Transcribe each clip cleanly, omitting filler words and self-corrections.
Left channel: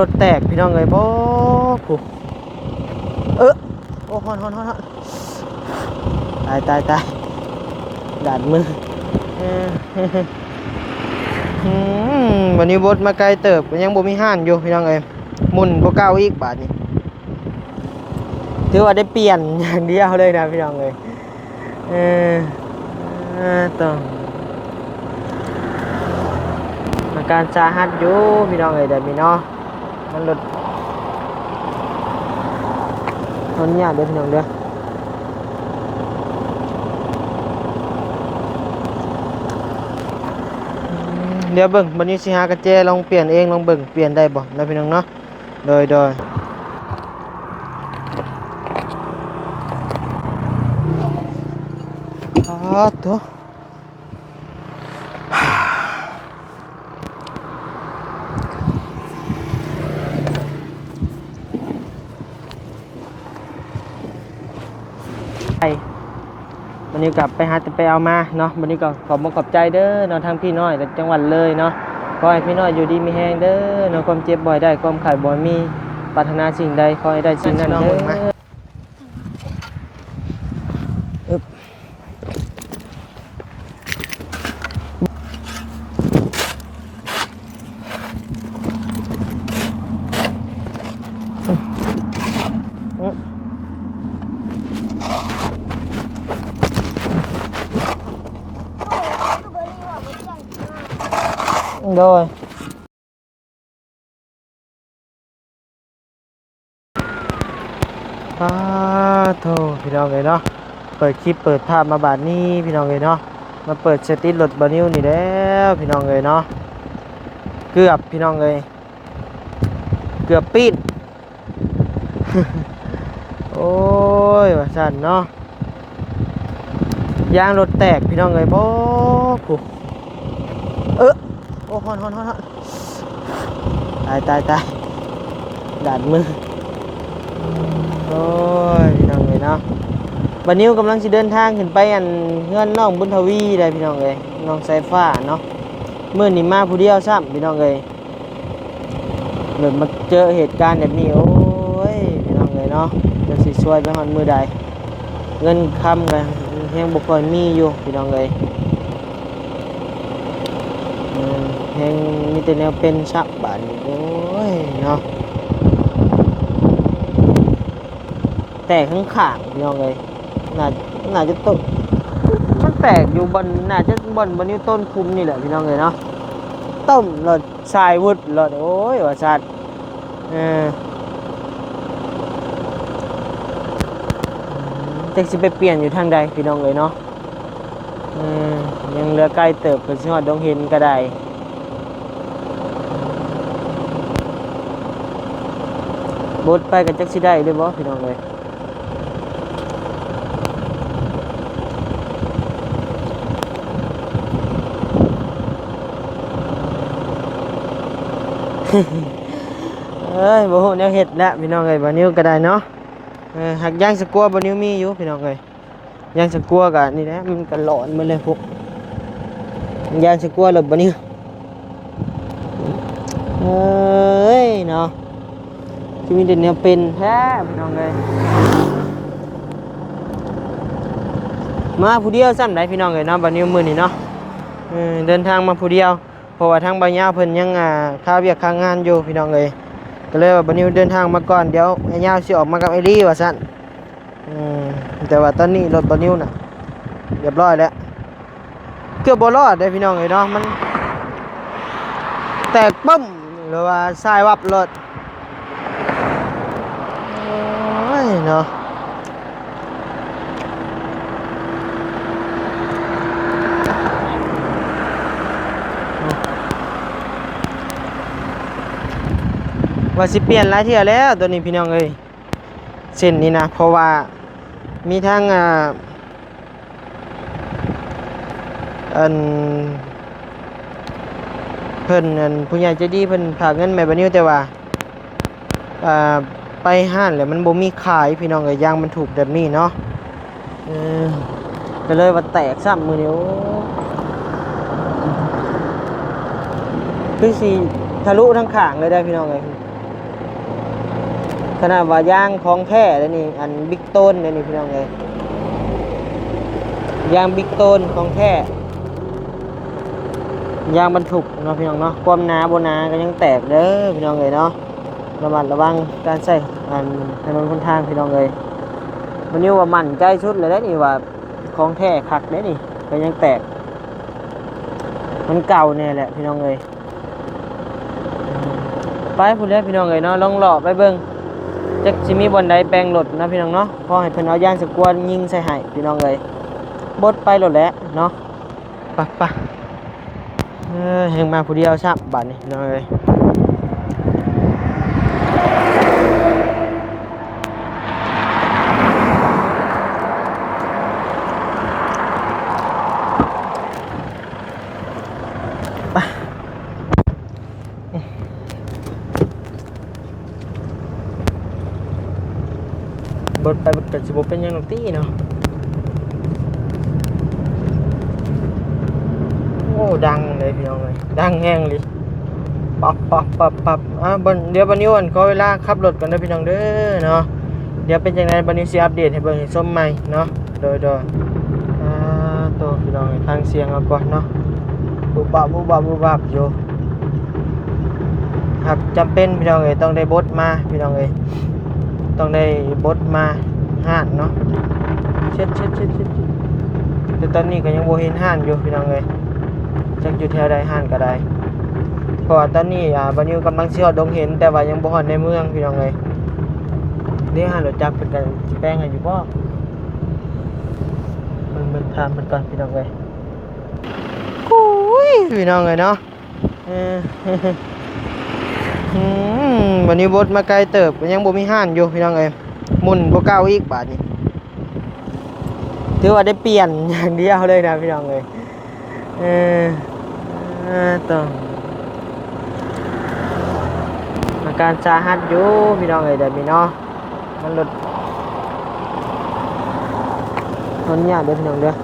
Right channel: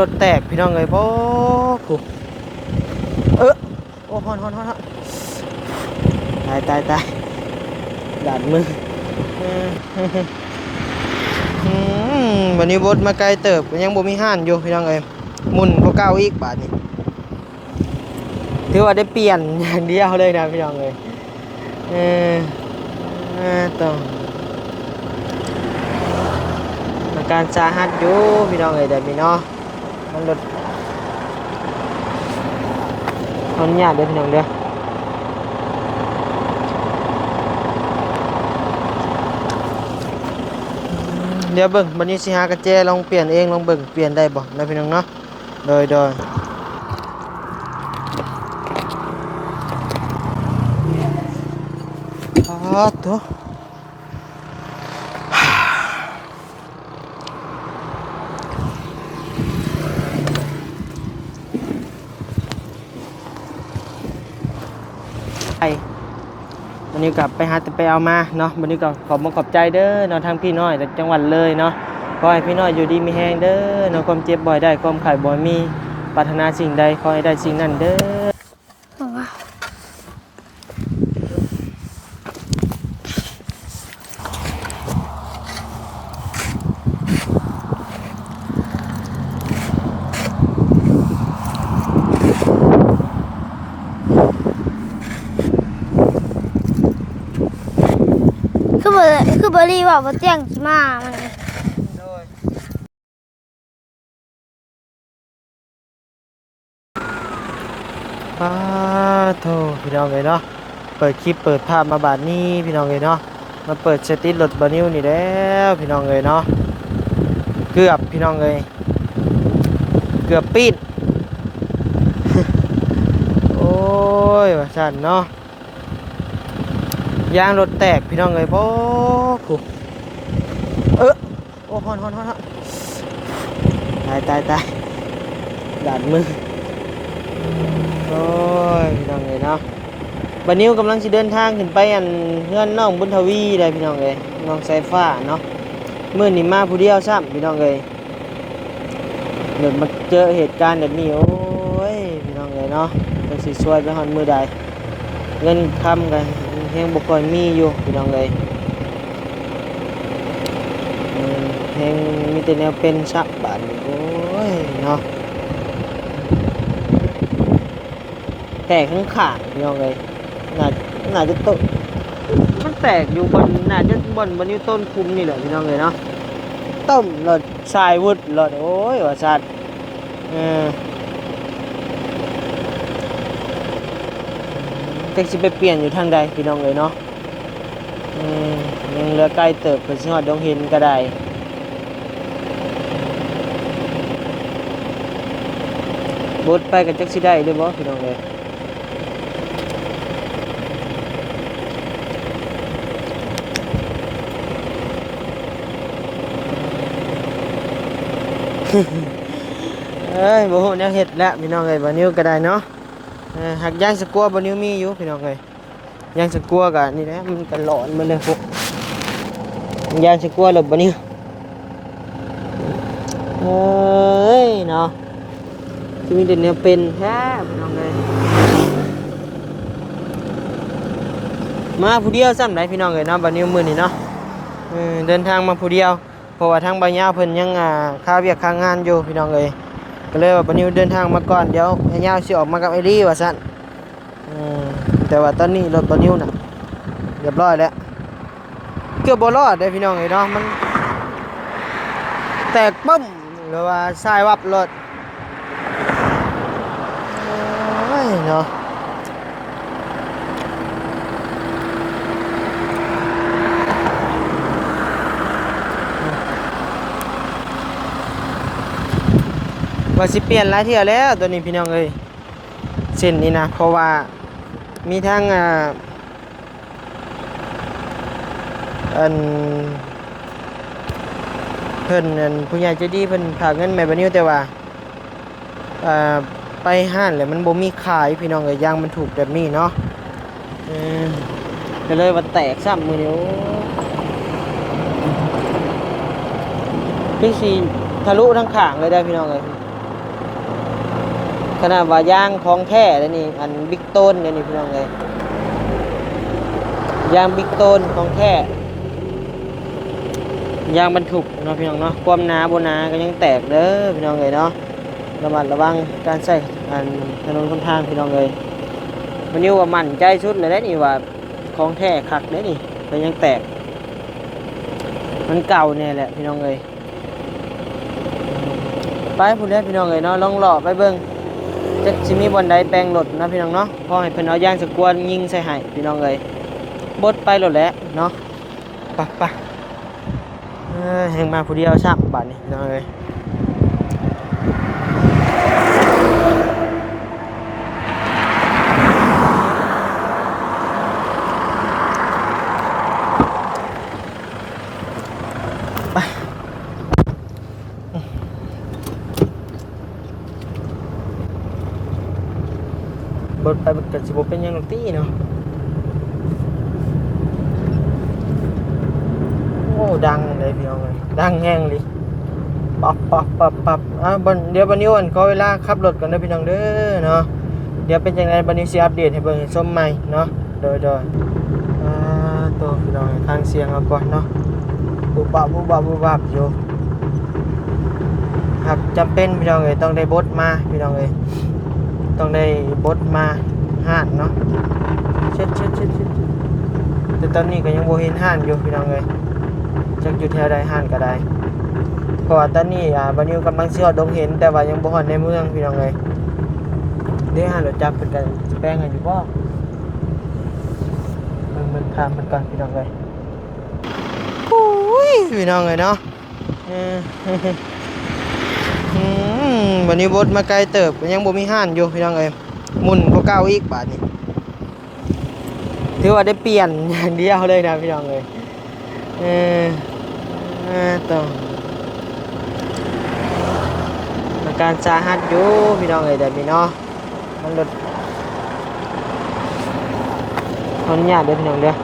รถแตกพี่น้องเลยบ่ปุ๊บโอ้ฮอนตายดาดมือวันนี้บดมาไกลเติบยังบ่มีห้านอยู่พี่น้องเอ้ยหมุนก็เก้าอีกบาทนี่ถือว่าได้เปลี่ยนอย่างเดียวเลยนะพี่น้องเอ้ยต่ออาการสาหัสอยู่พี่น้องเอ้ยแต่พี่น้องมันรถมันยากเด้อพี่น้องเด้อเดี๋ยวเบิ่งวันนี้สิหากระเจลองเปลี่ยนเองลองเบิ่งเปลี่ยนได้บ่นะพี่น้องเนาะโดยตัววันนี้กลับไปหาแต่ไปเอามาเนาะวันนี้ก็ขอบใจเด้อเนาะทางพี่น้อยจากจังหวัดเลยเนาะขอให้พี่น้อยอยู่ดีมีแฮงเด้อเนาะความเจ็บบ่อยได้ความไข้บ่มีปรารถนาสิ่งใดขอให้ได้สิ่งนั้นเด้อคือบรีว่าบ่เจียงมาโดยโธ่พี่น้องเลยเนาะเปิดคลิปเปิดภาพมาบาดนี้พี่น้องเลยเนาะมาเปิดสติรถบานิวนี่แล้วพี่น้องเลยเนาะเกือบพี่น้องเลยเกือบปิด โอ้ยว่าสั่นเนาะยางรถแตกพี่น้องเลยบ่ปุ๊บโอ้ฮอนตายดาดมือโอ้ยพี่น้องเลยเนาะบัดนี้กำลังจะเดินทางขึ้นไปอันเงื่อนน้องบุญทวีเลยพี่น้องเลยน้องสายฟ้าเนาะมื้อนี้มาผู้เดียวซ้ำพี่น้องเลยเหมือนมาเจอเหตุการณ์แบบนี้โอ้ยพี่น้องเลยเนาะมันสิช่วยไปฮอดมื้อใดเงินคำกันยังบ่ค่อยมีอยู่พี่น้องเลยยังมีแต่แนวเป็นชักบาดโอ้ยเนาะแตกทั้งขาพี่น้องเลยน่าจะต้นมันแตกอยู่บนน่าจะบนนิ้วต้นคุมนี่แหละพี่น้องเลยเนาะต้มรถชายวุฒิรถโอ้ยว่าสัตว์จะสิไปเปลี่ยนอยู่ทางใดพี่น้องเลยเนาะยังเหลือใกล้เติบไปสิฮอดดงเห็นก็ได้บดไปกับจักสิได้ด้วยบ่พี่น้องเลยบ่ฮู้แนวเฮ็ดแล้วพี่น้องเอ้ยบ่นิ้วก็ได้เนาะหักย่างสกัวบ่นิ้วมีอยู่พี่น้องเอ้ยย่างสกัวก็นี่แหละมันก็หลอนมาเลยพวกย่างสกัวแล้วบ่นิ้วเนาะที่มีแต่แนวเป็นแท้พี่น้องเอ้ยมาผู้เดียวซ้ำได้พี่น้องเอ้ยเนาะบ่นิ้วมื้อนี้เนาะเดินทางมาผู้เดียวเพราะว่าทางบ่ยาวเพิ่นยังค่าเวียกค่างานอยู่พี่น้องเอ้ยก็เลยว่าบัดนี้เดินทางมาก่อนเดี๋ยวให้ยาวสิออกมากับไอรี่ว่าซั่นแต่ว่าตอนนี้รถบัดนี้น่ะเรียบร้อยแล้วเกือบบ่รอดเด้พี่น้องเอ้ยเนาะมันแตกปึ้มหรือว่าสายวับรถโอ้ยเนาะว่าสิเปลี่ยนหลายเที่ยแล้วตัวนี้พี่น้องเอ้ยเส้นนี้นะเพราะว่ามีทั้งอันเพิ่นอันผู้ใหญ่ใจดีเพิ่นฝากเงินแม่บ่นิ้วแต่ว่าไปห้างแล้วมันบ่มีขายพี่น้องเอ้ยยางมันถูกแบบนี้เนาะก็เลยว่าแตกซ้ำมื้อนี้คือสิทะลุทั้งข้างเลยได้พี่น้องเอ้ย ขนาดว่ายางของแท้นี่อันบิ๊กต้นนี่พี่น้องเลยยางบิ๊กต้นของแท้ยางบรรทุกเนาะพี่น้องเนาะความหนาบนหนาก็ยังแตกเด้อพี่น้องเลยเนาะระมัดระวังการใช้ถนนคนทางพี่น้องเลยวันนี้ว่ามั่นใจสุดเลยได้นี่ว่าของแท้คักได้นี่ก็ยังแตกมันเก่าเนี่ยแหละพี่น้องเลยไปพูดแล้วพี่น้องเลยเนาะลองหล่อไปเบิ่งจะชิมีบอลใดแปลงรถนะพี่น้องเนาะพอให้เพิ่นเอาย่างสกวนยิงใส่ให้พี่น้องเลยบดไปรถแล้วเนาะปะเฮงมาผู้เดียวชักบัดนี่พี่น้องเลยบดไปบดกันสิบเป็นยังหนุ่มตี้เนาะโอ้ดังเลยพี่น้องเลยดังแห้งเลยปับเดี๋ยวบันนี้วันก็เวลาขับรถกันนะพี่น้องเด้อเนาะเดี๋ยวเป็นยังไงบันนี้สิอัปเดตให้เบิ่งให้ชมใหม่เนาะโดยตัวพี่น้องทางเสียงเอาก่อนเนาะบุบับอยู่หากจำเป็นพี่น้องเลยต้องได้บดมาพี่น้องเลยต้องได้บดมาห้างเนาะชิดแต่ตอนนี้ก็ยังโบเห็นห้างอยู่พี่น้องเลยจักอยู่แถวใดห้างก็ได้เพราะว่าตอนนี้บันนี้กำลังเชี่ยวดงเห็นแต่ว่ายังบ่ฮอดในเมืองพี่น้องเลยนี่ห้างรถจักรเป็นกันแปลงกันอยู่บ่มันตามมันก่อนพี่น้องเลยโอ้ยพี่น้องเลยเนาะวันนี้บดมาไกลเติบยังบ่มีห้านอยู่พี่น้องเอ้ยหมุนก็เก้าอีกบาทนี่ถือว่าได้เปลี่ยนอย่างเดียวเลยนะพี่น้องเอ้ยต้องอาการสาหัสอยู่พี่น้องเอ้ยแต่พี่น้องมันลดคนยากเด้อพี่น้องเด้อ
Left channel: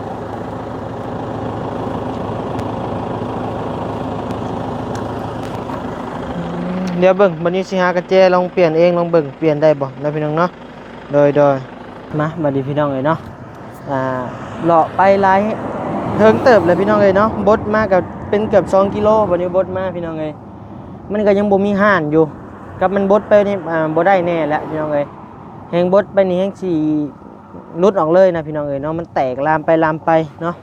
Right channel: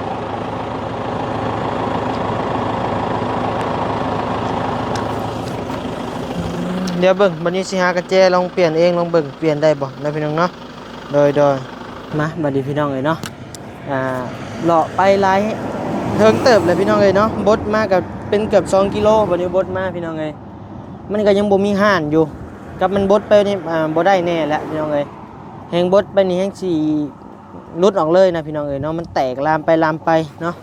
เดี๋ยวเบิ่งบัดนี้สิหากระแจลองเปลี่ยนเองลองเบิ่งเปลี่ยนได้บ่นะพี่น้องเนาะโดยมาบัดนี้พี่น้องเอ้ยเนาะเลาะไปหลายเทิงเติบเลยพี่น้องเอ้ยเนาะบดมากับเป็นเกือบ2กิโลบัดนี้บดมาพี่น้องเอ้ยมันก็ยังบ่มีห่านอยู่กับมันบดไปนี่บ่ได้แน่แล้วพี่น้องเอ้ยแฮงบดไปนี่แฮงสิหลุดออกเลยนะพี่น้องเอ้ยเนาะมันแตกลามไปเนาะ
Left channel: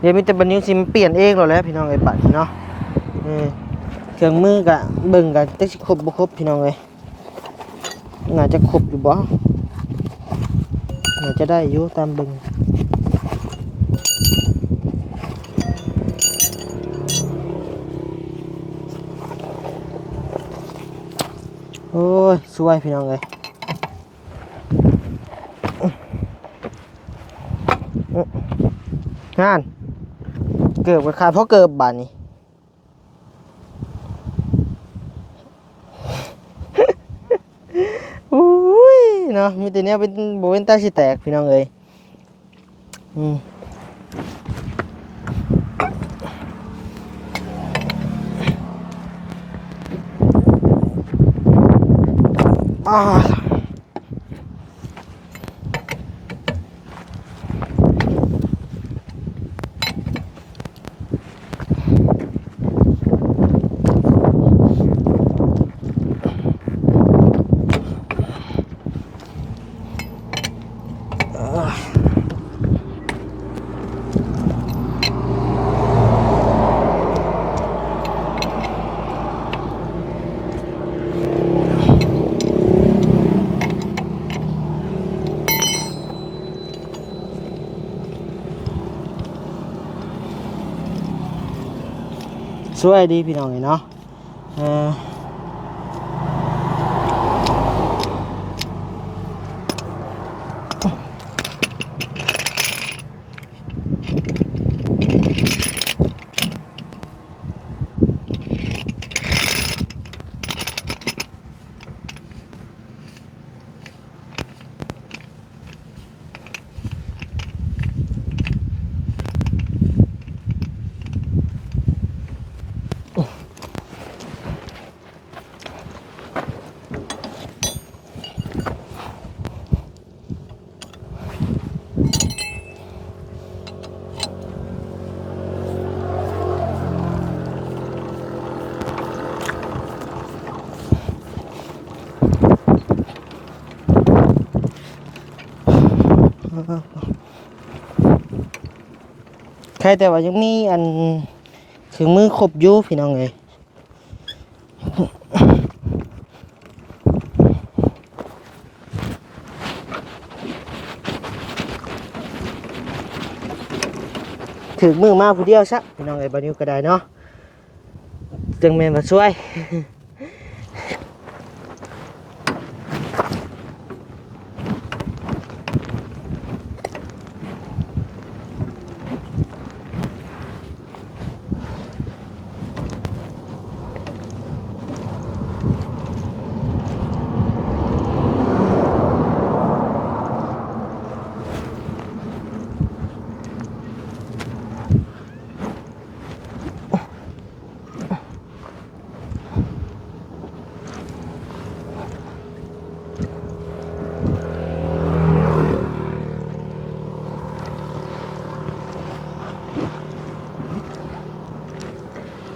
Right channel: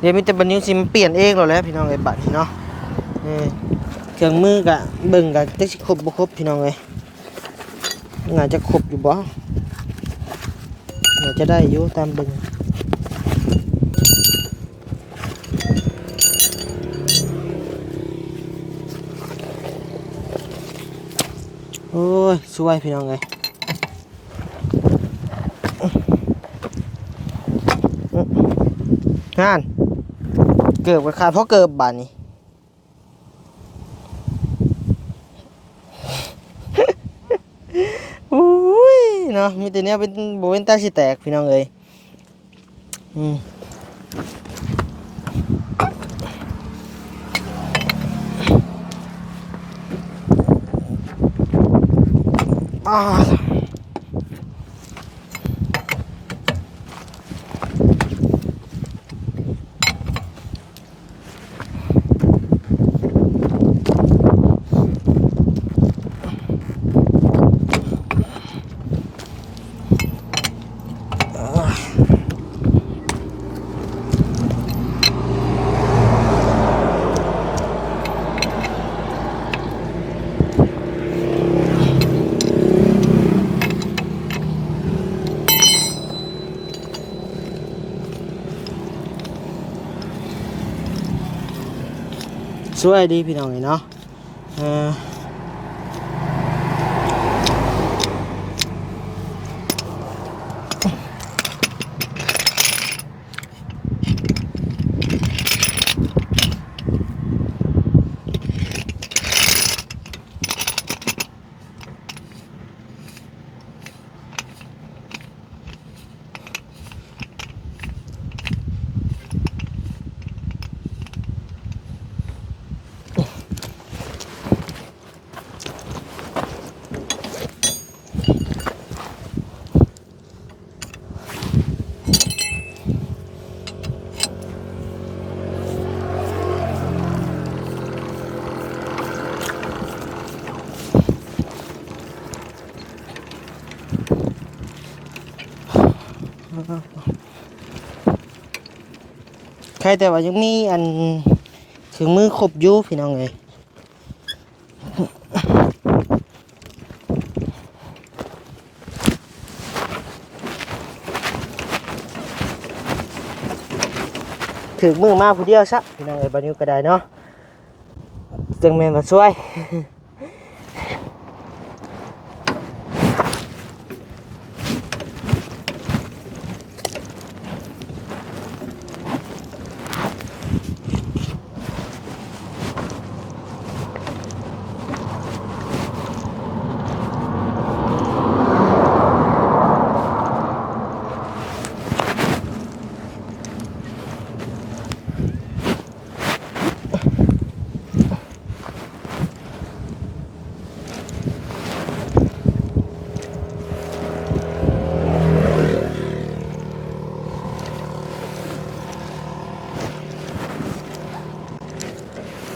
เดี๋ยวมีแต่บัดนี้สิเปลี่ยนเองแล้วพี่น้องเอ้ยบัดนี้เนาะเครื่องมือกะเบิ่งกะตึกสิครบบ่ครบพี่น้องเอ้ยน่าจะครบอยู่บ่น่าจะได้อยู่ตามเบิ่งโอ้ยสวยพี่น้องเอ้ยงานเกิดไปขาดเพราะเกิดบาดนี้เนาะมีแต่เนี้ยเป็นโบเป็นตาสิแตกพี่น้องเอ้ยสวยดีพี่น้องเนาะ รแต่ว่ายังมีอันคือมือครบอยู่พี่น้องเลยถือมือมาผู้เดียวซะพี่น้องเลยบัดนี้ก็ได้เนาะจังแม่นมาช่วย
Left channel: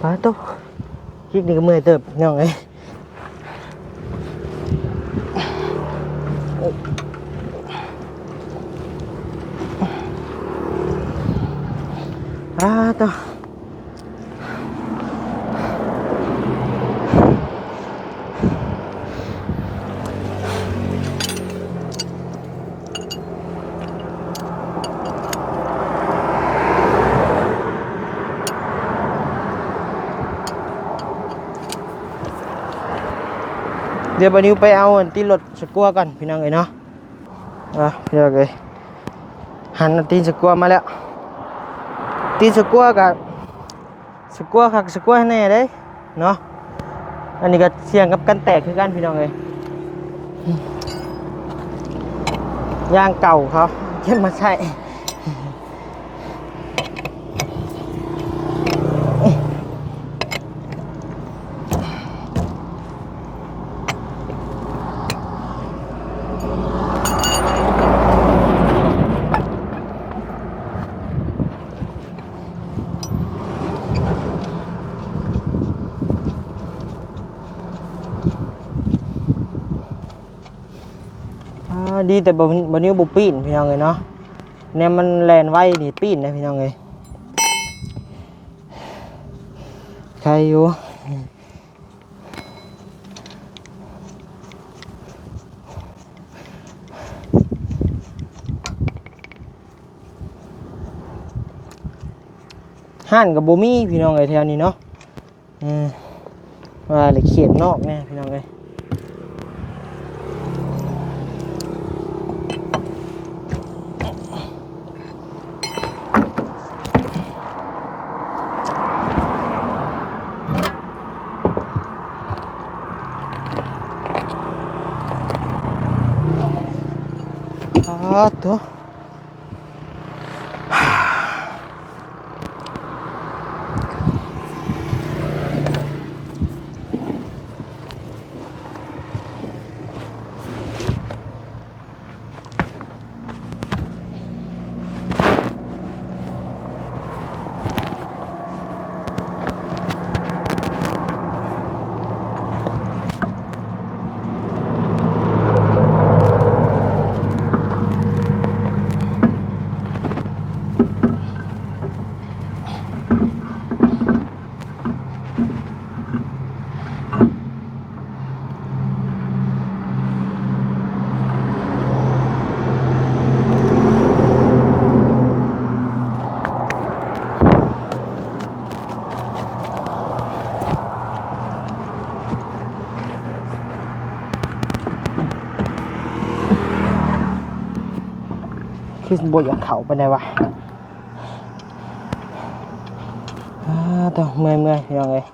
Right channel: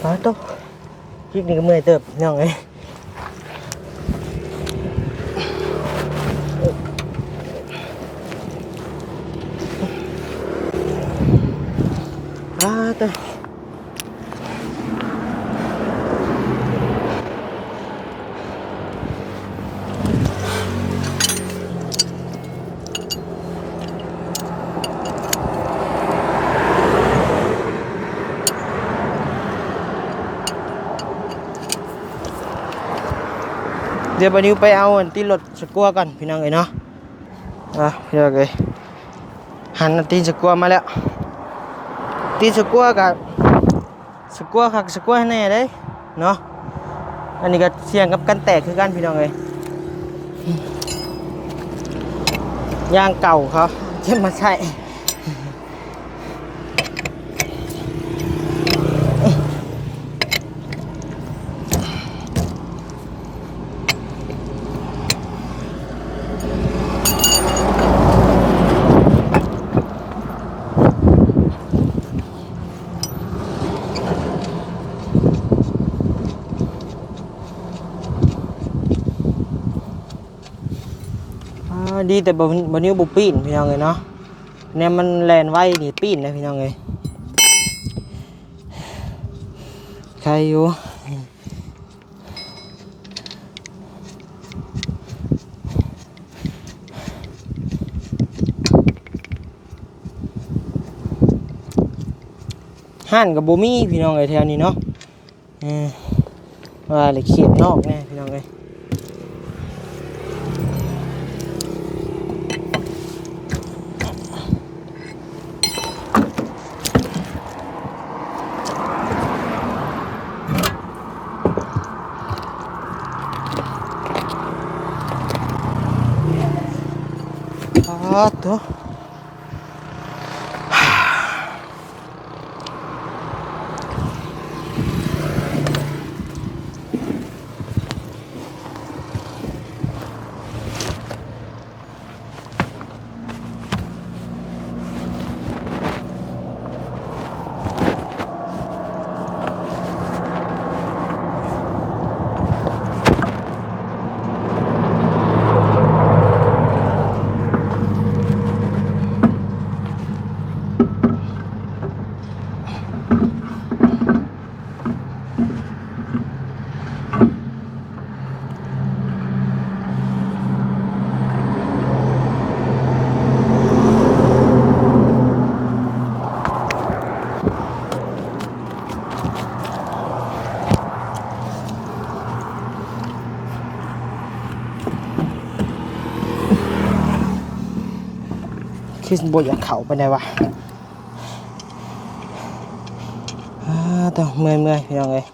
ไปโตคลิปนี้ก็เมื่อยเติบพี่น้องเลยโตเดี๋ยวบัดนี้ไปเอาอันที่รถสกัวก่อนพี่น้องเอ้ยเนาะพี่น้องเอ้ยหันอันตีนสกัวมาแล้วตีนสกัวกับสกัวคักสกัวให้แน่เด้เนาะอันนี้ก็เสี่ยงกับกันแตกคือกันพี่น้องเอ้ยยางเก่าเขาเก็บมาใส่ดีแต่บนิ้วบุปีนพี่น้องเลยเนาะเนี่ยมันแลนไว้นี่ปีนนะพี่น้องเลยใครอยู่ห่านกับโบมี่พี่น้องเลยแถวนี้เนาะว่าเลยเขียนนอกแน่พี่น้องเลยตัวคิดบ่อยากเข่าไปไหนวะตัวเมื่อยพี่น้องเลย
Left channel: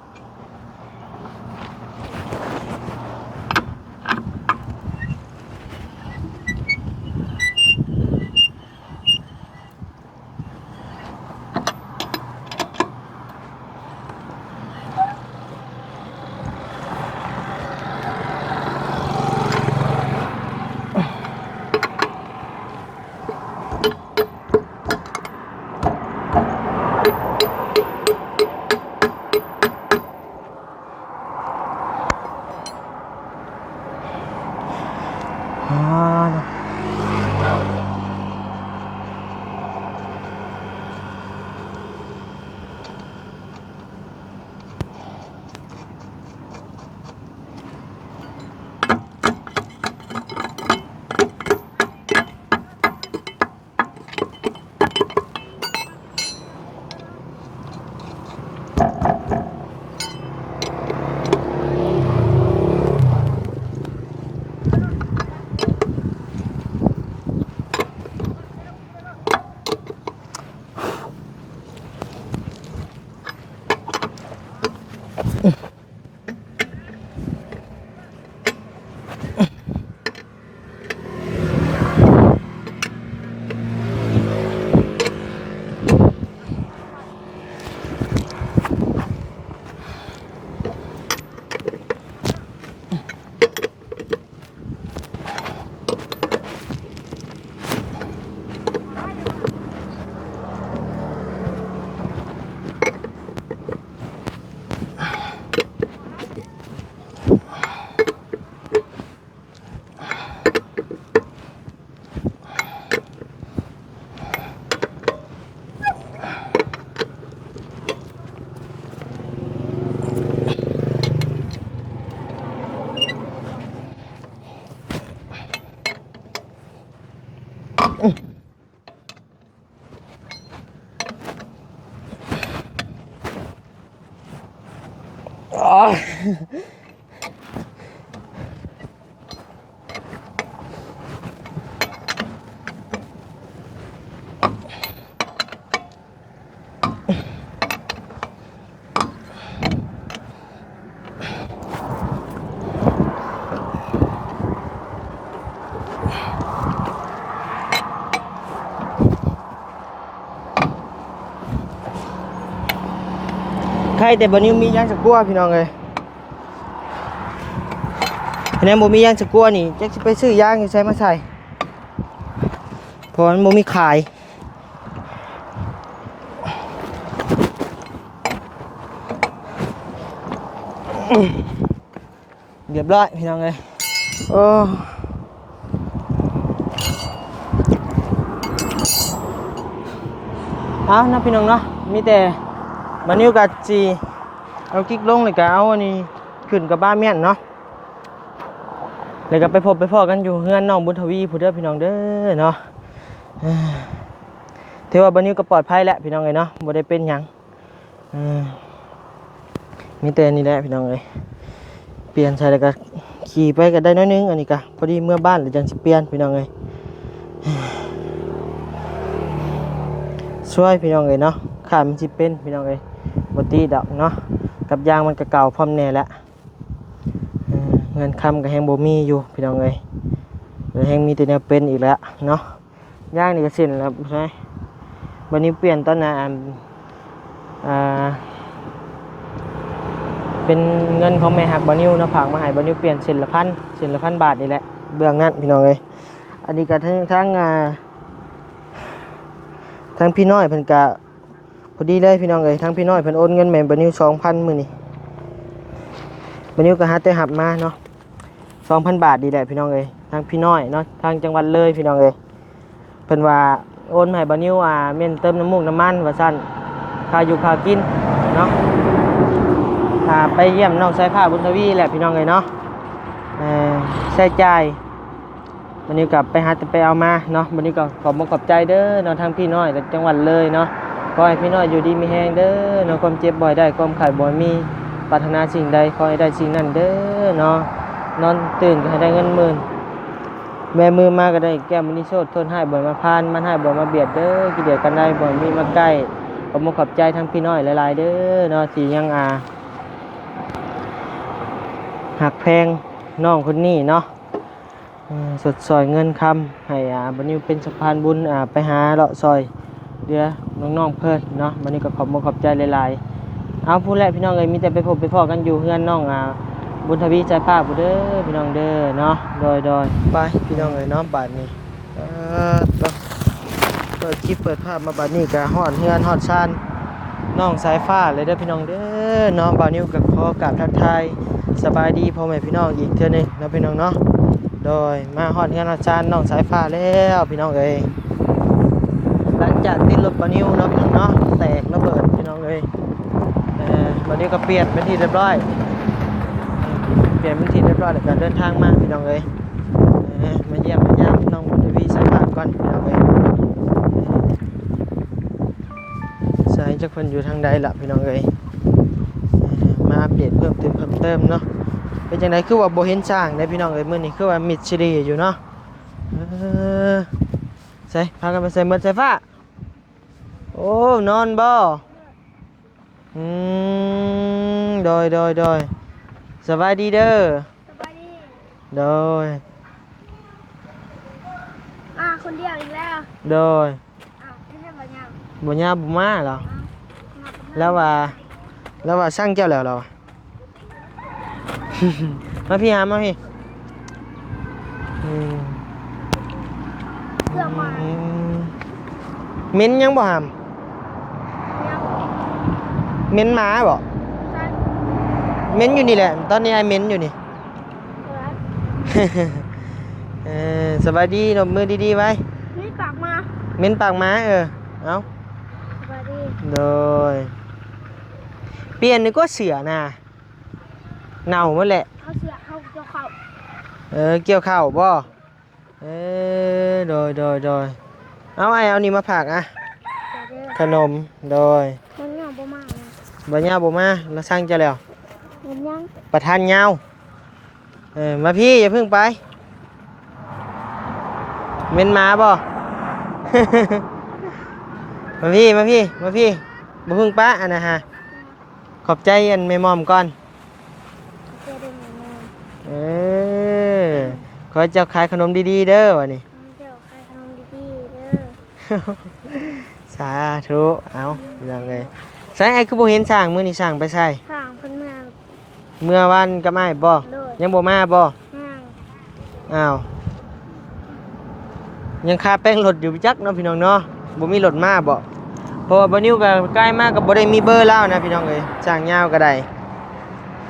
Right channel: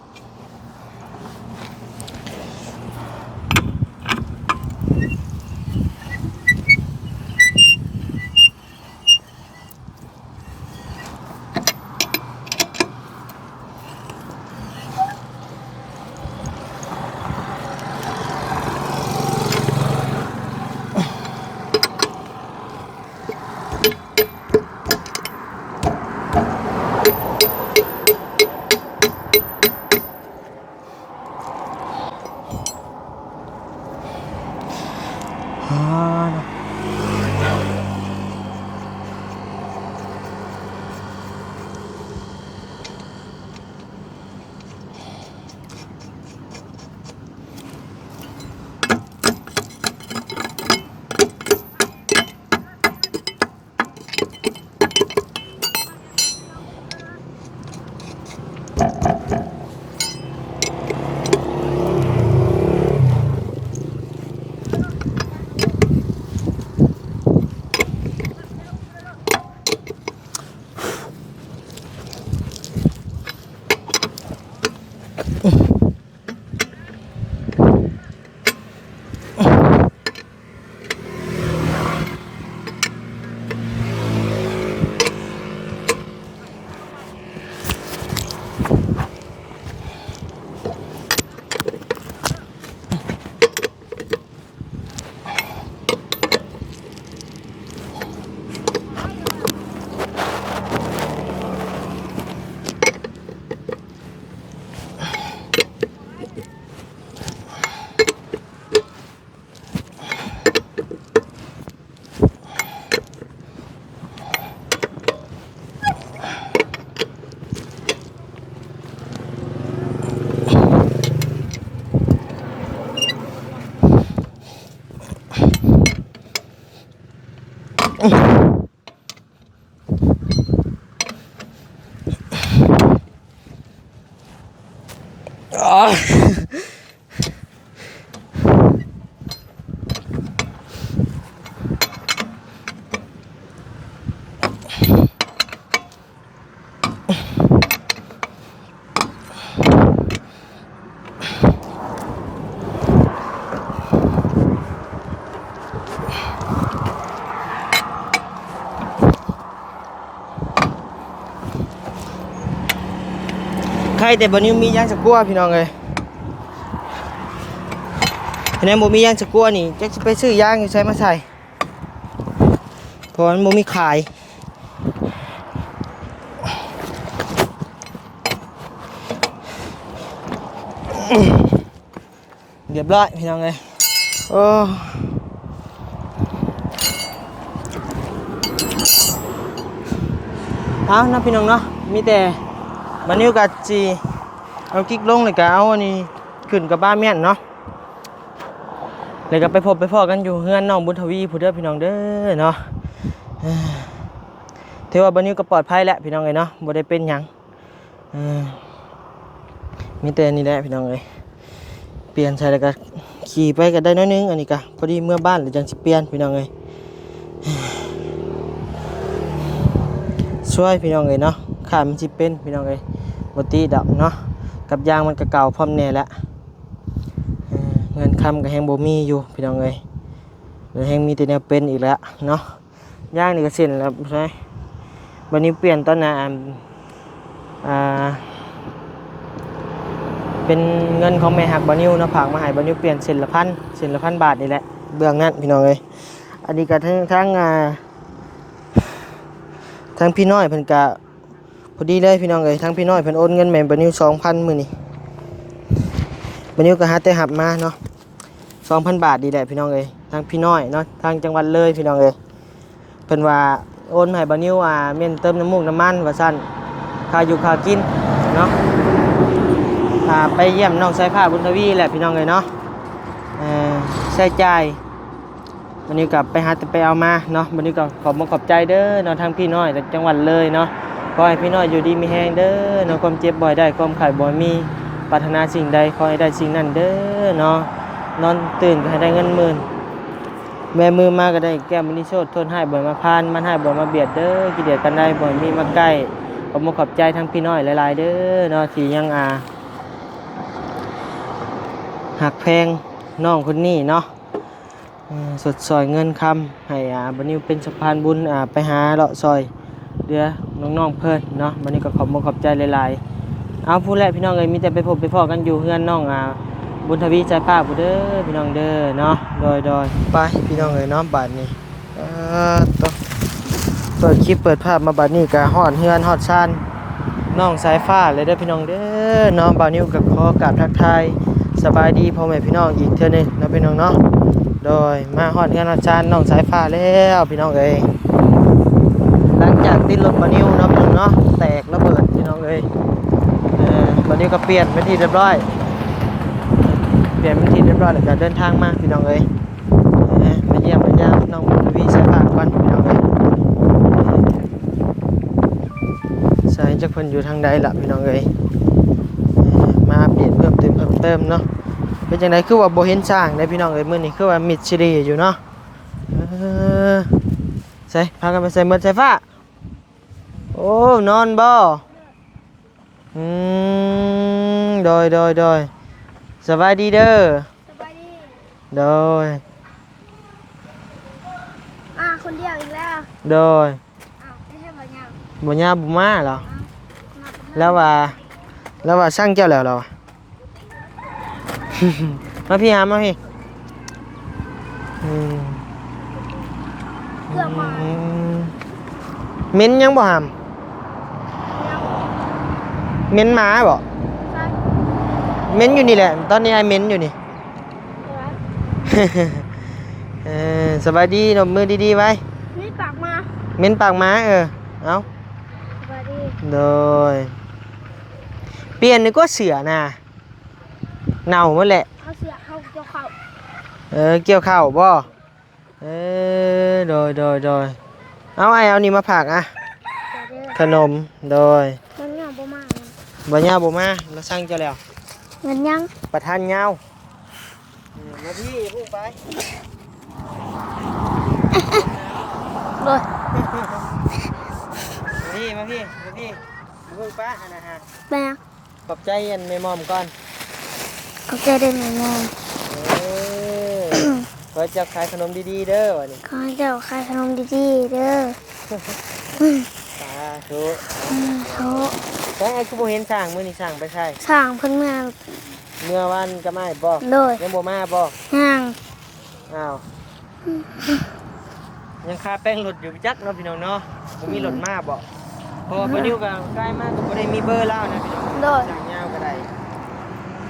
ใครแต่บนนี้มีย่างสกัวพี่น้องเลยพี่น้องบ่มีย่างสกัวนี่จะไปซื้อย่างอยู่ใส่มาใส่เพราะมันบ่มีขายเรียบร้อยพี่น้องเลยโอ้เอาเนาะพี่น้องเนาะมีแต่บันนี้กัดจีเอากิ๊กลงเลยกะเอาอันนี้ขึ้นกับบ้านเมียนเนาะเลยก็ไปพบไปพ่อกันอยู่เฮือนน้องบุญทวีผู้เด้อพี่น้องเด้อเนาะถือว่าบันนี้ก็ปลอดภัยแล้วพี่น้องเลยเนาะบ่ได้เป็นหยังมีแต่นี่แหละพี่น้องเลยเปลี่ยนใส่แล้วก็ขี่ไปก็ได้น้อยนึงอันนี้ก็พอดีเมื่อบ้านหรือจังสิเปลี่ยนพี่น้องเลยช่วยพี่น้องเลยเนาะขามันสิเป็นพี่น้องเลยบ่ตีดอกเนาะกับยางมันก็เก่าพร้อมแน่แล้วเงินคำก็แฮงบ่มีอยู่พี่น้องเลยแล้วแฮงมีแต่แนวเป็นอีกแล้วเนาะยางนี่ก็เส้นแล้วใช่วันนี้เปลี่ยนตอนน่ะเป็นเงินของแม่หักบานิวเนาะฝากมาให้บานิวเปลี่ยนเส้นละพันบาทนี่แหละเบื้องนั้นพี่น้องเลยอันนี้ก็ทั้งพี่น้อยเพิ่นก็พอดีได้พี่น้องเลยทั้งพี่น้อยเพิ่นโอนเงินแม่บานิว 2,000 มื้อนี้บานิวก็หาแต่หับมาเนาะ 2,000 บาทดีแหละพี่น้องเลยทั้งพี่น้อยเนาะทางจังหวัดเลยพี่น้องเลยเพิ่นว่าโอนให้บานิวเม่นเติมน้ำมูกน้ำมันว่าซั่นค่าอยู่ค่ากินเนาะไปเยี่ยมน้องสายผ้าบุญทวีแหละพี่น้องเลยเนาะใช้จ่ายวันนี้กลับไปหาไปเอามาเนาะวันนี้ก็ขอบใจเด้อเนาะทางพี่น้อยจากจังหวัดเลยเนาะขอให้พี่น้อยอยู่ดีมีแฮงเด้อเนาะความเจ็บบ่อยได้ความไข้บ่อยมีปรารถนาสิ่งใดขอให้ได้สิ่งนั้นเด้อเนาะนอนตื่นก็ให้ได้เงินหมื่นแม่มือมาก็ได้แก้มมินิโชดทนให้บ่อยมาพานมันให้บ่อยมาเบียดเด้อกิเลสกันได้บ่อยมีมาใกล้ขอบใจทั้งพี่น้อยหลายๆเด้อเนาะที่ยังหักแพงน้องคนนี้เนาะสดซอยเงินคำให้บันนี้เป็นสะพานบุญไปหาเลาะซอยเดือน้องๆเพื่อนเนาะบันนี้ก็ขอบใจหลายๆเอาพูดแรกพี่น้องเลยมีแต่ไปพบไปพ่อกันอยู่เฮือนน้องบุญทวีใจป้าผู้เด้อพี่น้องเด้อเนาะโดยไปพี่น้องเลยเนาะบาทนี้ต้องเปิดคลิปเปิดภาพมาบาทนี้กะฮอดเฮือนฮอดซานน้องสายฟ้าเลยเด้อพี่น้องเด้อเนาะบาทนี้กับขอกราบทักทายสบายดีพ่อแม่พี่น้องอีกเท่านึงนะพี่น้องเนาะโดยมาฮอดเฮือนฮอดซานน้องสายฟ้าแล้วพี่น้องเอ้ยหลังจากติดรถบานิวเนาะพี่น้องเนาะแตกระเบิดพี่น้องเอ้ยบานิวก็เปลี่ยนเป็นที่เรียบร้อยแล้วก็เดินทางมาพี่น้องเอ้ยมาเยี่ยมน้องบุญทวีสายฟ้าก่อนพี่น้องเอ้ยสายจักเพิ่นอยู่ทางใดล่ะพี่น้องเอ้ยมาเปลี่ยนเพิ่มเติมเนาะเป็นจังไดคือว่าบ่เห็นสร้างได้พี่น้องเอ้ยมื้อนี้คือว่ามิดซิรีอยู่เนาะใส่พากันไปใส่หมดสายฟ้าโอ้นอนบ่โดยสบายดีเด้อสบายดีโดยคนเดียวอีกแล้วโดยไม่ใช่บ่ยาวบ่ยาบ่มาเหรอแล้วว่าสร้างเจ้าแล้วเหรอ มาพี่มาพี่เกือบมาเม้นยังบ่หามเม้นหมาบ่เม้นอยู่นี่แหละตอนนี้ไอ้เม้นอยู่นี่สบายดีนมมือดีๆไว้เม้นปากมาเม้นปากม้าเอาสบายดีโดยเปลี่ยนนึกว่าเสือน่ะเน่าหมดแหละเขาเสือเขาเกี่ยวข้าวเกี่ยวข้าวบ่โดย เอาไอ้เอานี่มาผักอ่ะ เด้อ ขนมโดย มันยังบ่มาเลย บ่ยาวบ่มาเราสั่งจะแล้ว เงินยัง ประทานยาวมาพี่อย่าเพิ่งไปเป็นหมาบ่ โดย มาพี่มาพี่มาพี่มาเพิ่งป้าอันนะฮะ แม่ ขอบใจอันแม่มอมก่อน เขาใจได้ไหมแม่ เออขอให้เจ้าขายขนมดีๆเด้อวะนี่ ขอให้เจ้าขายขนมดีๆเด้อ สาธุเอาเดี๋ยว เขา เลยใส่ไอ้คือบ่เห็นสร้างมื้อนี้สร้างไปใส่ สร้างเพิ่นเมือง เมื่อวันก็ไม่บ่ โดย ยังบ่มาบ่ ห่าง อ้าวยังคาแป้งรถอยู่จักเนาะพี่น้องเนาะบ่มีรถมาบ่เพราะว่าบ่นิ้วก็ใกล้มากก็บ่ได้มีเบอร์แล้วนะพี่น้องเอ้ยสร้างยาวก็ได้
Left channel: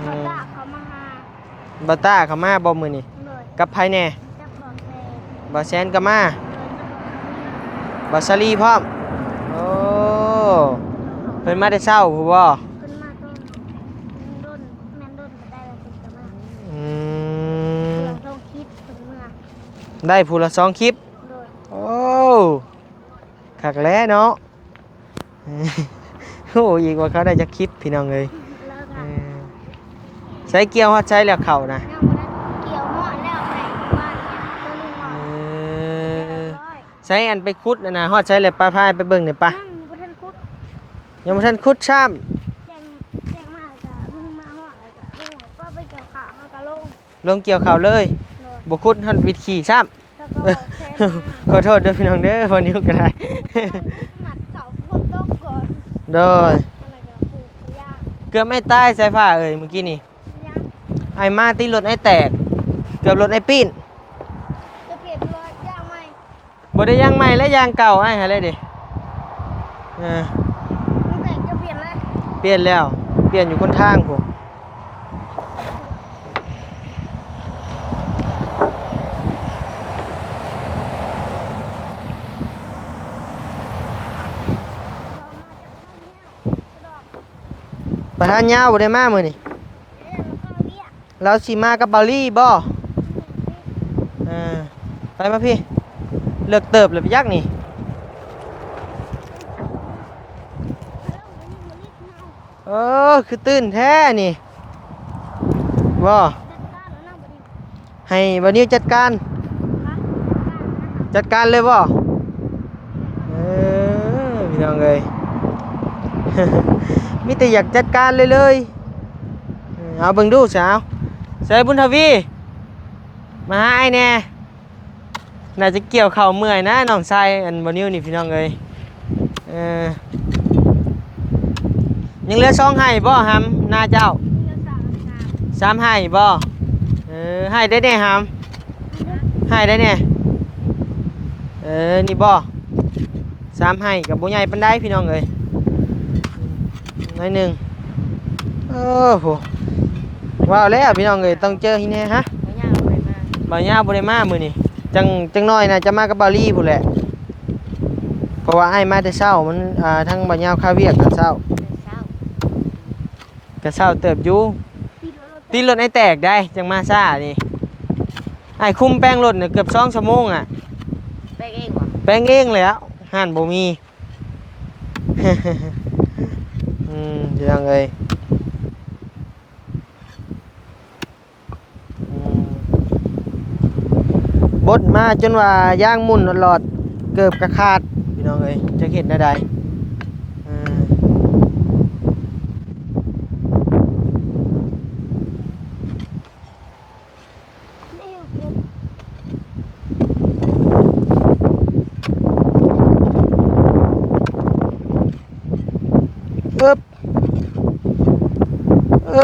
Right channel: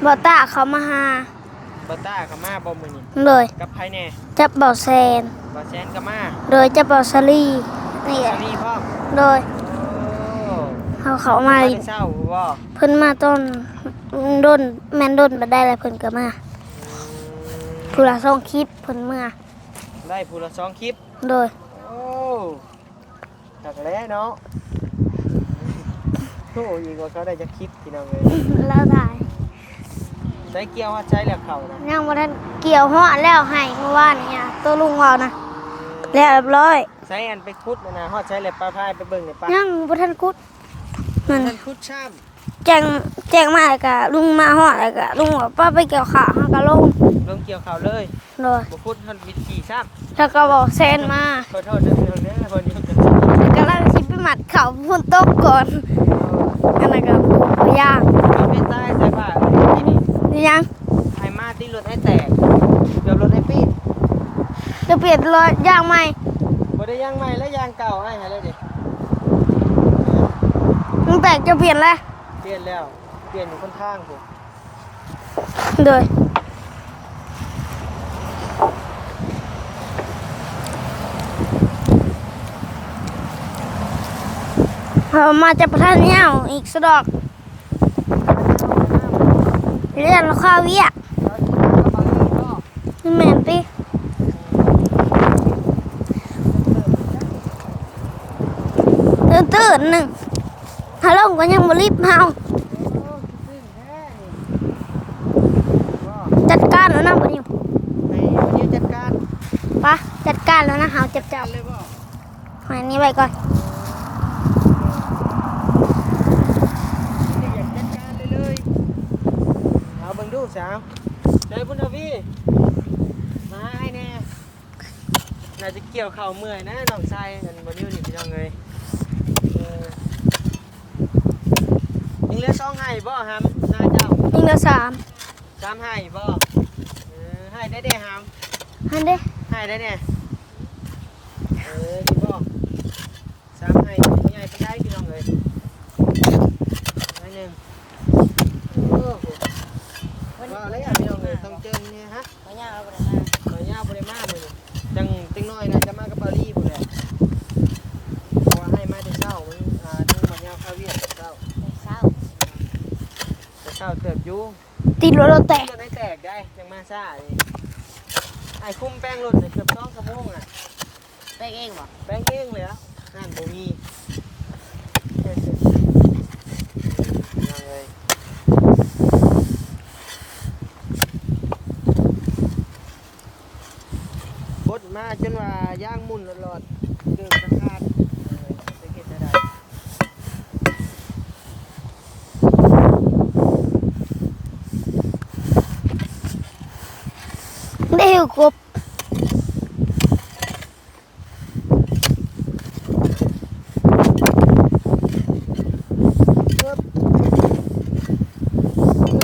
บ่ตาเขามาหา บ่ต้าเข้ามาบ่มื้อนี้ โดย กับไผแน่ จับเบาแซน บ่แซนก็มา โดยจับเบาซาลี บ่ซาลีพร้อม โดย โอ้ เขา เพิ่น มา มาได้เช้าผู้บ่ เพิ่นมาต้นด้นแม่นด้นบ่ได้แล้วเพิ่นก็มา อืม ผู้ละส่งคลิปเพิ่นเมื่อ ได้ผู้ละ2คลิป โดย โอ้คักแล้เนาะ โอ้อีกว่าเขาได้จักคลิปพี่น้องเอ้ย แล้วถ่าย ใส่เกียวฮอดใช้แล้วเข้านะ ยังบ่ทันเกี่ยวฮอดแล้วให้เมื่อวานเนี่ยตัวลุงเว้านะแล้วเรียบร้อย ใช้อันไปคุดนะฮอดใช้เลยปลาพายไปเบิ่งหน่อยปะ ยังบ่ทันกุด ยังท่านคุดช้ แจ้งมาแล้วก็ลุงมาฮอดแล้วก็ลุงบอกป้าไปเกี่ยวข้าวเฮาก็ลง ำลงเกี่ยวข่าวเลย โดย บ่คุดท่านวิดขี่ช้ แล้วก็บอกแซนมา ำขอโทษด้วยพี่น้องเด้อวันนี้ก็ได้ กำลังสิไปหมัดเขาฝนตกก่อน โดย อันนั้นก็บ่ยาก เกือบไม่ตายใส่ผ้าเอ้ยเมื่อกี้นี่ ยัง ไอ้มาตีรถไอ้แตก เกือบรถไอ้ปีน จะเปลี่ยนรถยางใหม่ บ่ได้ยางใหม่และยางเก่าไอ้หาเลยดิเออ มึงแปลกจะเปลี่ยนแล้ว เปลี่ยนแล้ว เปลี่ยนอยู่บนทางผม โดยเอามาจะประทานเหย้าอีกสะดอก ประธานยาวบ่ได้มามื้อนี้ เรียนข้าวเวียก เราสิมากับเบาลี่บ่ นี่แม่นติ เออได้มาพี่เลิกเติบเลยพี่ยักษ์นี่ ตื่นๆหนึงฮัลโหลก็ยังบ่รีบเฮา เออคือตื่นแท้นี่บ่ จัดการแล้วนะบ่นิว ให้วันนี้จัดการ ปะจัดการแล้วนะเฮา จัดการเลยบ่ ให้อันนี้ไว้ก่อน ยังไง พี่แต่อยากจัดการเลยเอาเบิ่งดูสาวใส่บุญทวีมาหาไอ้แน่น่าจะเกี่ยวเข่าเมื่อยนะน้องชายอันบ่นิ้วนี่พี่น้องเอ้ยยังเหลือ2ให้บ่หำหน้าเจ้า นี่ละ3ให้บ่ให้ได้แน่หำ 3อันเด้ ให้ได้เนี่ยนี่บ่3ให้กับผู้ใหญ่ปันได้พี่น้องเอ้ยน้อยหนึ่งโอ้โหว้าวแล้วพี่น้องเอ้ยต้องเจอที่นี่ฮะบ่ยาวบ่ได้มามื้อนี้จังน้อยน่ะจะมากับบาลี่พุ่นแหละเพราะว่าไอ้มาแต่เช้ามันทั้งบ่ยาวคาเวียกแต่เช้าแต่เช้าเติบอยู่ ติดรถเราแตะ ที่รถไอ้แตกได้จังมาซ่านี่ไอ้คุมแป้งรถเนี่ยเกือบ2 ชั่วโมงอ่ะแป้งเองเหรอแป้งเองเลยอ่ะห่านบ่มี ยังไงบดมาจนว่าย่างหมุนหลอดเกือบกระขาดพี่น้องเอ้ยจะเห็นได้ใดได้หิวกบ เอิ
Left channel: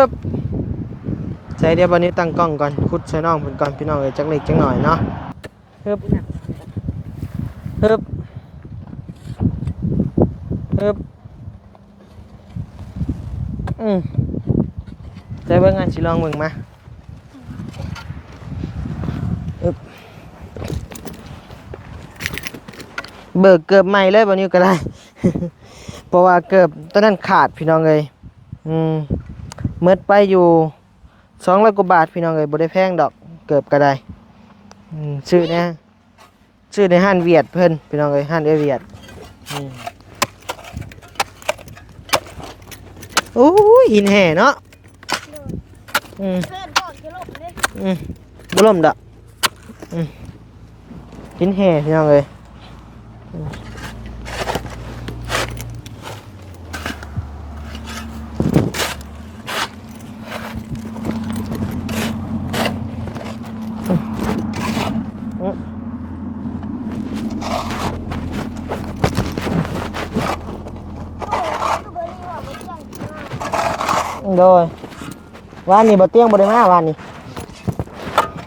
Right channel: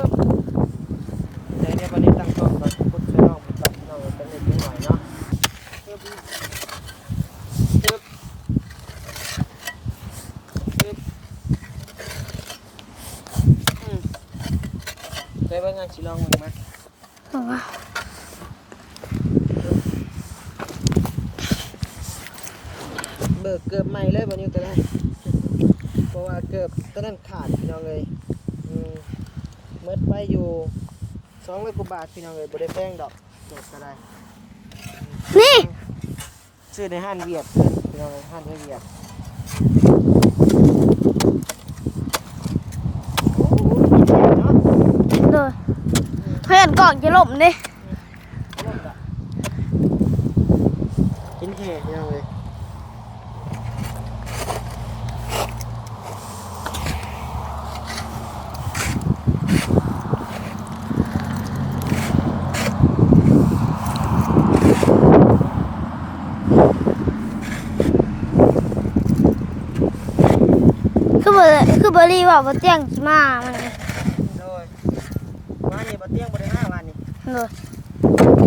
บใส่เดี๋ยววันนี้ตั้งกล้องก่อนพุดใส่น้องพุดก่อนพี่น้องเลยจักเล็กจักหน่อยเนาะเอิบใส่เบิ่งงานสิลองเบิ่งมาเบิกเกือบใหม่เลยวันนี้ก็ได้ เพราะว่าเกือบตอนนั้นขาดพี่น้องเลยเมิดไปอยู่200 กว่าบาทพี่น้องเลยบ่ได้แพงดอกเกือบก็ได้ซื้อ ชื่อในห้านเวียดเพิ่นพี่น้องเอ้ยห้านเวียดโอ้ยหินแห่เนาะ โดย อืม เพื่อนก่อนจะล่มดิ บ่ล่มดอกหินแห่พี่น้องเอ้ยคือเบอร์รี่ว่าบ่เจียงมามัน โดยวันนี้บ่เตียงบ่ได้มาวันนี้ โดย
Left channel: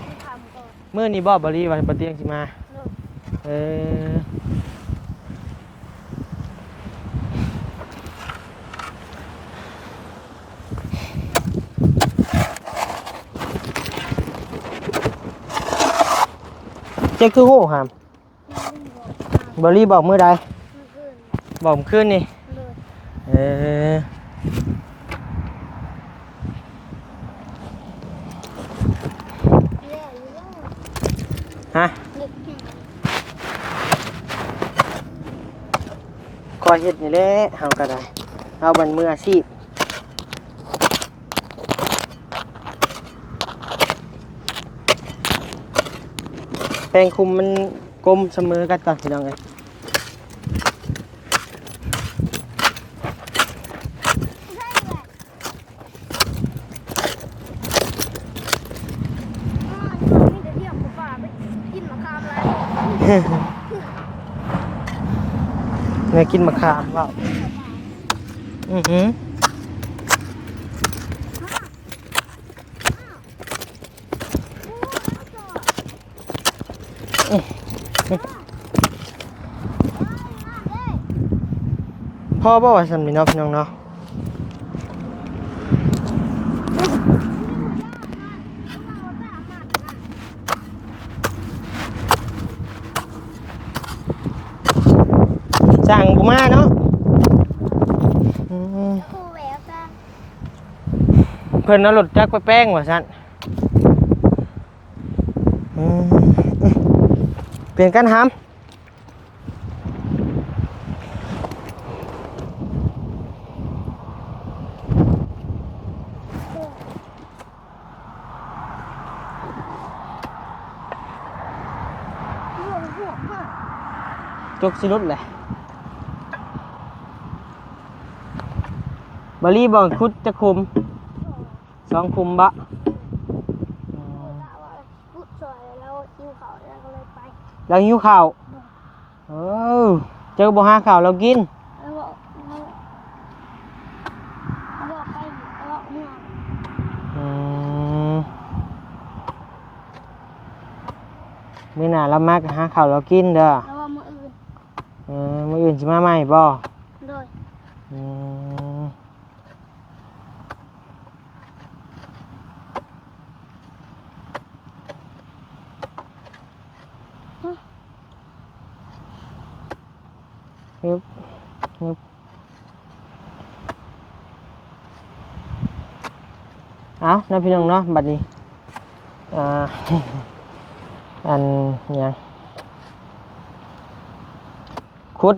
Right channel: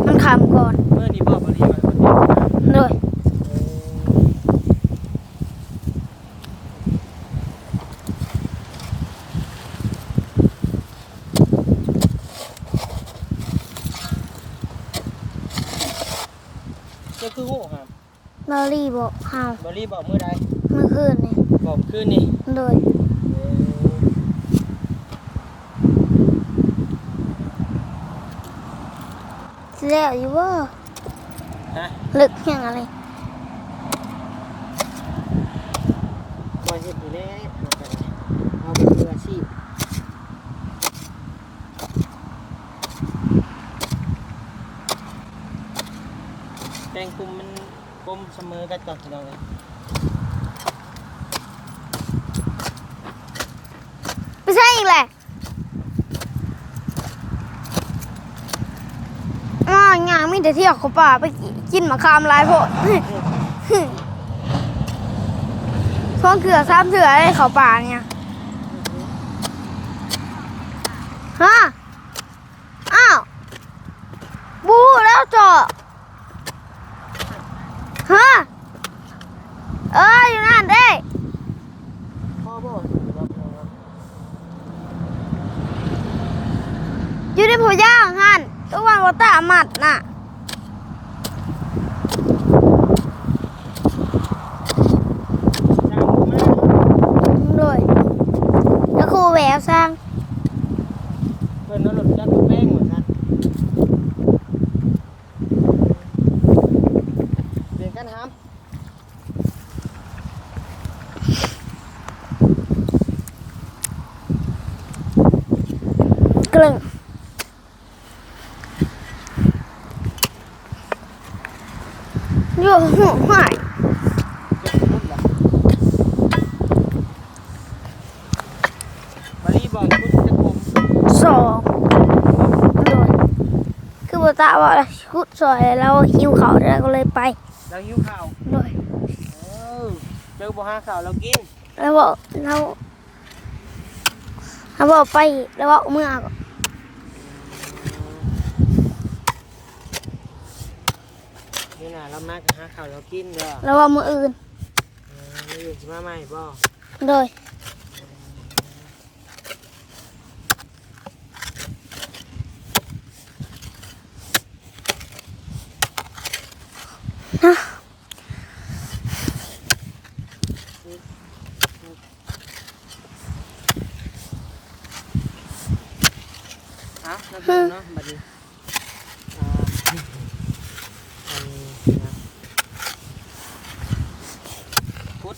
มันขามก่อน เมื่อนี้บ่บ่รีว่าบ่เตียงสิมา โดย เออเจ๊คือโหครับ เบอร์รี่บอกข้าว บอรี่บอกมื้อใด เมื่อคืนนี่ บอกมื้อคืนนี่ โดย เออ สิแล้วอยู่ว่า ฮะ ลึกยังอะไร คอยเฮ็ดนี่แหละเฮาก็ได้เอาบันมืออาชีพแปลงคุมมันกลมเสมอกันก่อนพี่น้องเอ้ย ไม่ใช่อีกแหละงานมีแต่เที่ยวเขาป่าไปกินมะขามหลายโพด เนี่ย ก็ กิน เถื่อ มะขาม ซ้ำเถื่อไอ้เขาป่าเนี่ย อื้อหือ ฮะอ้าวบูแล้วเจาะฮะอยู่นั่นเด้ พ่อบ่ว่าซั่นพี่น้องพี่น้องเนาะ อยู่ในผู้ย่างหันทุกวันว่าตาหมัดน่ะ สั่งบ่มาเนาะ ด้วยแล้วครูแหววสร้าง เพิ่นเอารถจักรไปแป้งว่าซั่นอืมเปลี่ยนกันหาม กลึงอยู่หูหาย จบสิรุดแหละบอรี่บอกคุดจะคุม สอง สองคุมบะ ด้วยคือบัวตาว่าชุดซอยแล้วหิวเขาแล้วก็เลยไป เราหิวข้าว ด้วย เออเจอบ่หาข้าวเรากิน แล้วบอกเราบอกไปแล้วบอกเมื่อ อืมมื้อหน้าเรามาก็หาข้าวเรากินเด้อ แล้วบอกมืออื่น มื้ออื่นสิมาใหม่บ่ โดย อืมฮึบฮึบเอาน้าเพียงเนาะบัดนี้อ่า อันเนี่ยคุด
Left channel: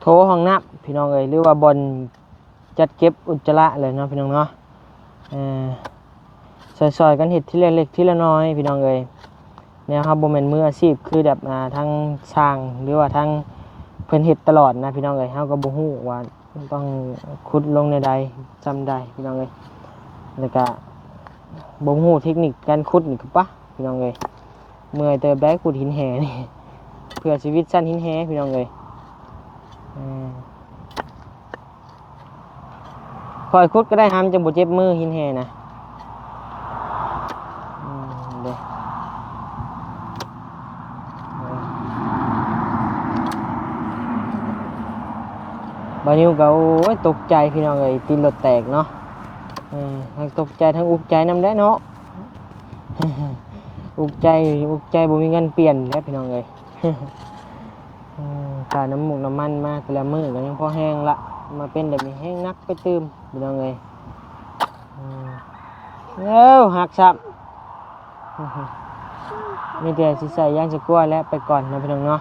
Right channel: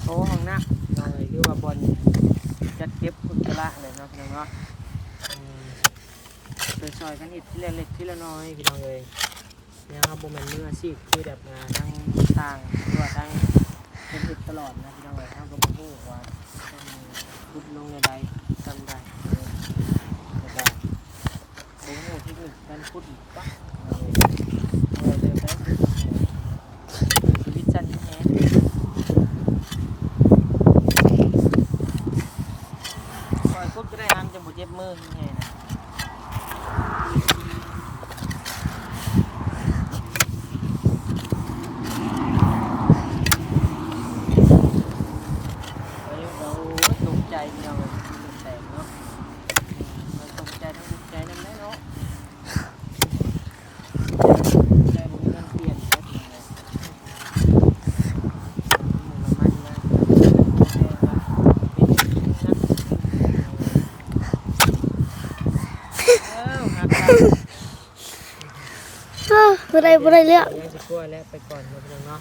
โถห้องน้ำพี่น้องเอ้ยหรือว่าบอลจัดเก็บอุจจาระเลยเนาะพี่น้องเนาะซอยๆกันเห็ดที่เล็กๆที่ละน้อยพี่น้องเอ้ยแนวครับโบแมนมืออาชีพคือแบบทั้งช่างหรือว่าทั้งเพิ่นเห็ดตลอดนะพี่น้องเอ้ยเขาก็บ่ฮู้ว่าต้องขุดลงในใดทำได้พี่น้องเอ้ยแล้วก็บ่ฮู้เทคนิคการขุดนี่คือปะพี่น้องเอ้ยเมื่อยเจอแบกขุดหินแห่นี่เพื่อชีวิตสั้นหินแห่พี่น้องเอ้ยคอยขุดก็ได้ห้ามจะบ่เจ็บมือหินแห่นะบานิวก็โอ้ยตกใจพี่น้องเอ้ยตีนรถแตกเนาะมันตกใจทั้งอุกใจน้ำได้เนาะอุกใจบ่มีเงินเปลี่ยนแล้วพี่น้องเอ้ยค่าน้ำหมูน้ำมันมากแต่ละมื้ออันนี้พอแห้งละมาเป็นแบบนี้แห้งนักกระตื้มพี่น้องเอ้ยหักครับ บ่ได้เรื่อง ใส่ย่างจะกล้วยแล้วไปก่อนนะพี่น้องเนาะ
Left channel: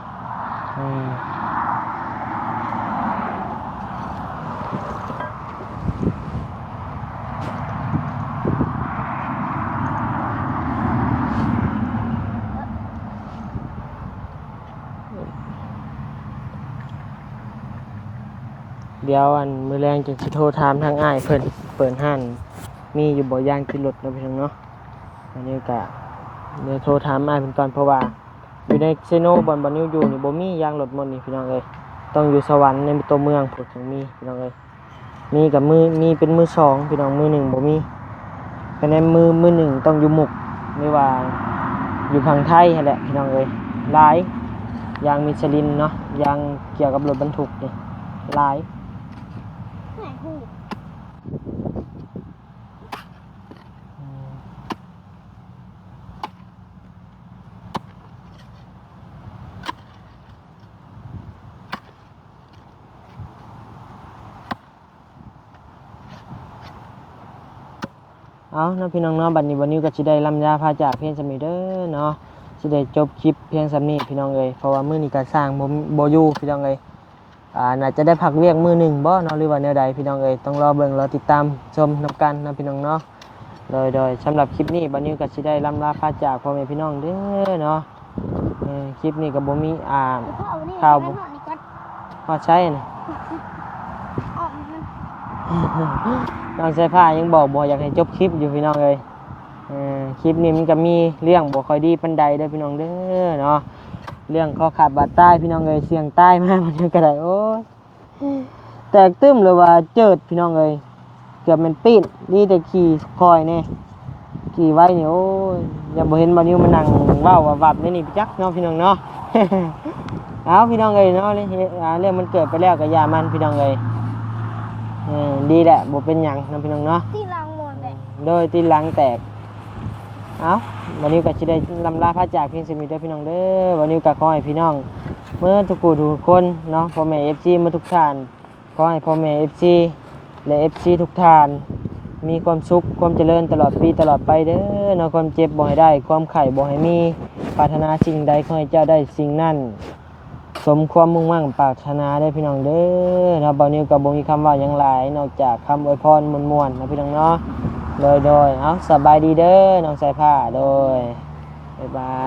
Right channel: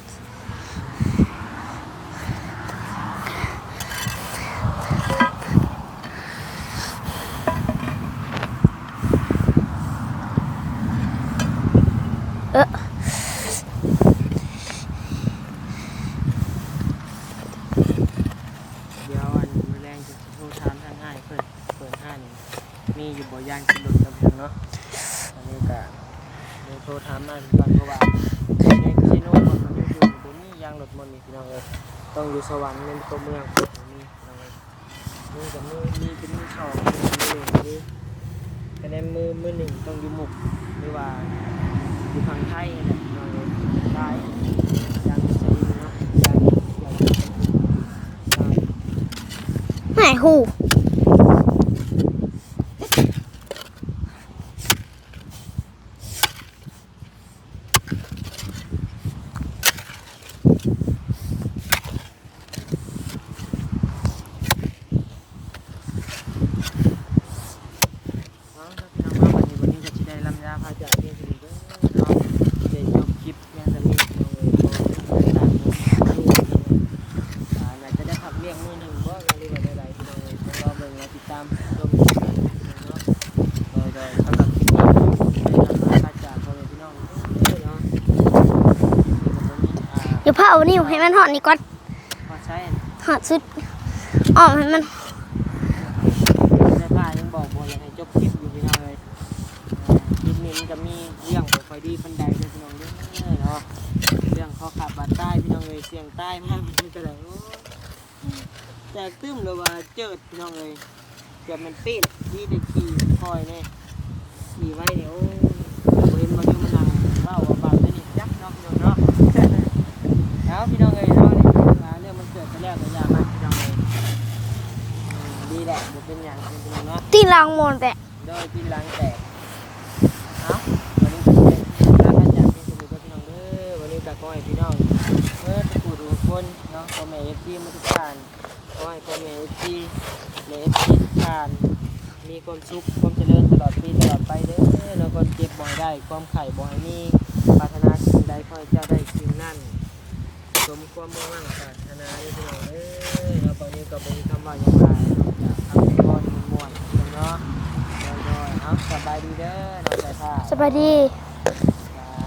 เดี๋ยวอันมือแรงจึงสิโทรถามทางอ้ายเพิ่นเปิดห้านมีอยู่บ่ย่างกินรถนะพี่น้องเนาะอันนี้ก็เดี๋ยวโทรถามอ้ายเพิ่นก่อนเพราะว่าอยู่ในเซโนบ่อนนี้อยู่นี่บ่มียางรถมนนี่พี่น้องเอ้ยต้องอยู่สวรรค์ในตัวเมืองถึงมีพี่น้องเอ้ยมีกับมีเป็นมือสองพี่น้องมือหนึ่งบ่มีคะแนนมือหนึ่งต้องอยู่หมุกไม่ว่าอยู่ฝั่งไทยนั่นแหละพี่น้องเอ้ยหลายยางมิชลินเนาะยางเกี่ยวกับรถบรรทุกนี่หลาย ไหนหู เอาเนาะพี่น้องเนาะบัดนี้วันนี้ก็สิได้ลำยาพาจากเพียงสำนี้เด้อเนาะสิได้จบคลิปเพียงสำนี้พี่น้องเอ้ยเพราะว่ามื้อนี้ก็สร้างบ่อยู่พี่น้องเอ้ยน่าจะได้พักเวียกมื้อหนึงบ่เนาะหรือว่าแนวใดพี่น้องเอ้ยต้องรอเบิ่งรอติดตามชมกันนะพี่น้องเนาะโดยสำหรับคลิปนี้วันนี้ก็สิได้ลำลาพาจากพ่อแม่พี่น้องเด้อเนาะคลิปนี้ก็บ่มีเดี๋ยวพาเอานี่ให้มันหอดนี่ก่อน พอใช้นะ หอดสุดอ้อมให้มัน เราใช้ผ้ายังบอกอยากให้จบคลิปอยู่พี่น้องเลยคลิปนี้มันก็มีเรื่องบ่ค่อยดีปันใดได้พี่น้องเด้อเนาะเรื่องข้อขาดบาดใต้พี่น้องเลยเสียงใต้มากมันก็ได้โอ้แตกตึ้มเลยว่าเจิดพี่น้องเลยเกือบมันปีนนี่แต่ขี่คอยเนี่ยขี่ไว้เนี่ยโอ้ยจะบ่เห็นบางทีมันนั่งเว้าว่าวับได้นี่จักเนาะพี่น้องเนาะ เอาพี่น้องเลยเนาะนี่เรื่องมันเกิดไปแล้วกับยามันพี่น้องเลยดีแหละบ่เป็นหยังนะพี่น้องเนาะ ตีลังหมดแต่ โดยตีนหลังแตกเอาวันนี้ก็จะได้นำลาพระจากเพียงสมิทพี่น้องเด้อวันนี้ก็ขอให้พี่น้องเมื่อทุกผู้ทุกคนเนาะพ่อแม่FCมาทุกท่านขอให้พ่อแม่ FC และ FC ทุกท่านมีความสุขความเจริญตลอดปีตลอดไปเด้อเนาะความเจ็บบ่ให้ได้ความไข้บ่ให้มีปรารถนาสิ่งใดขอให้เจ้าได้สิ่งนั้นสมความมุ่งมั่นปรารถนาได้พี่น้องเด้อเนาะบ่นี้ก็บ่มีคำว่าหยังหลายนอกจากคำอวยพรม่วนๆนะพี่น้องเนาะโดยเอาสบายดีเด้อน้องสายผ้า สวัสดี บ๊ายบาย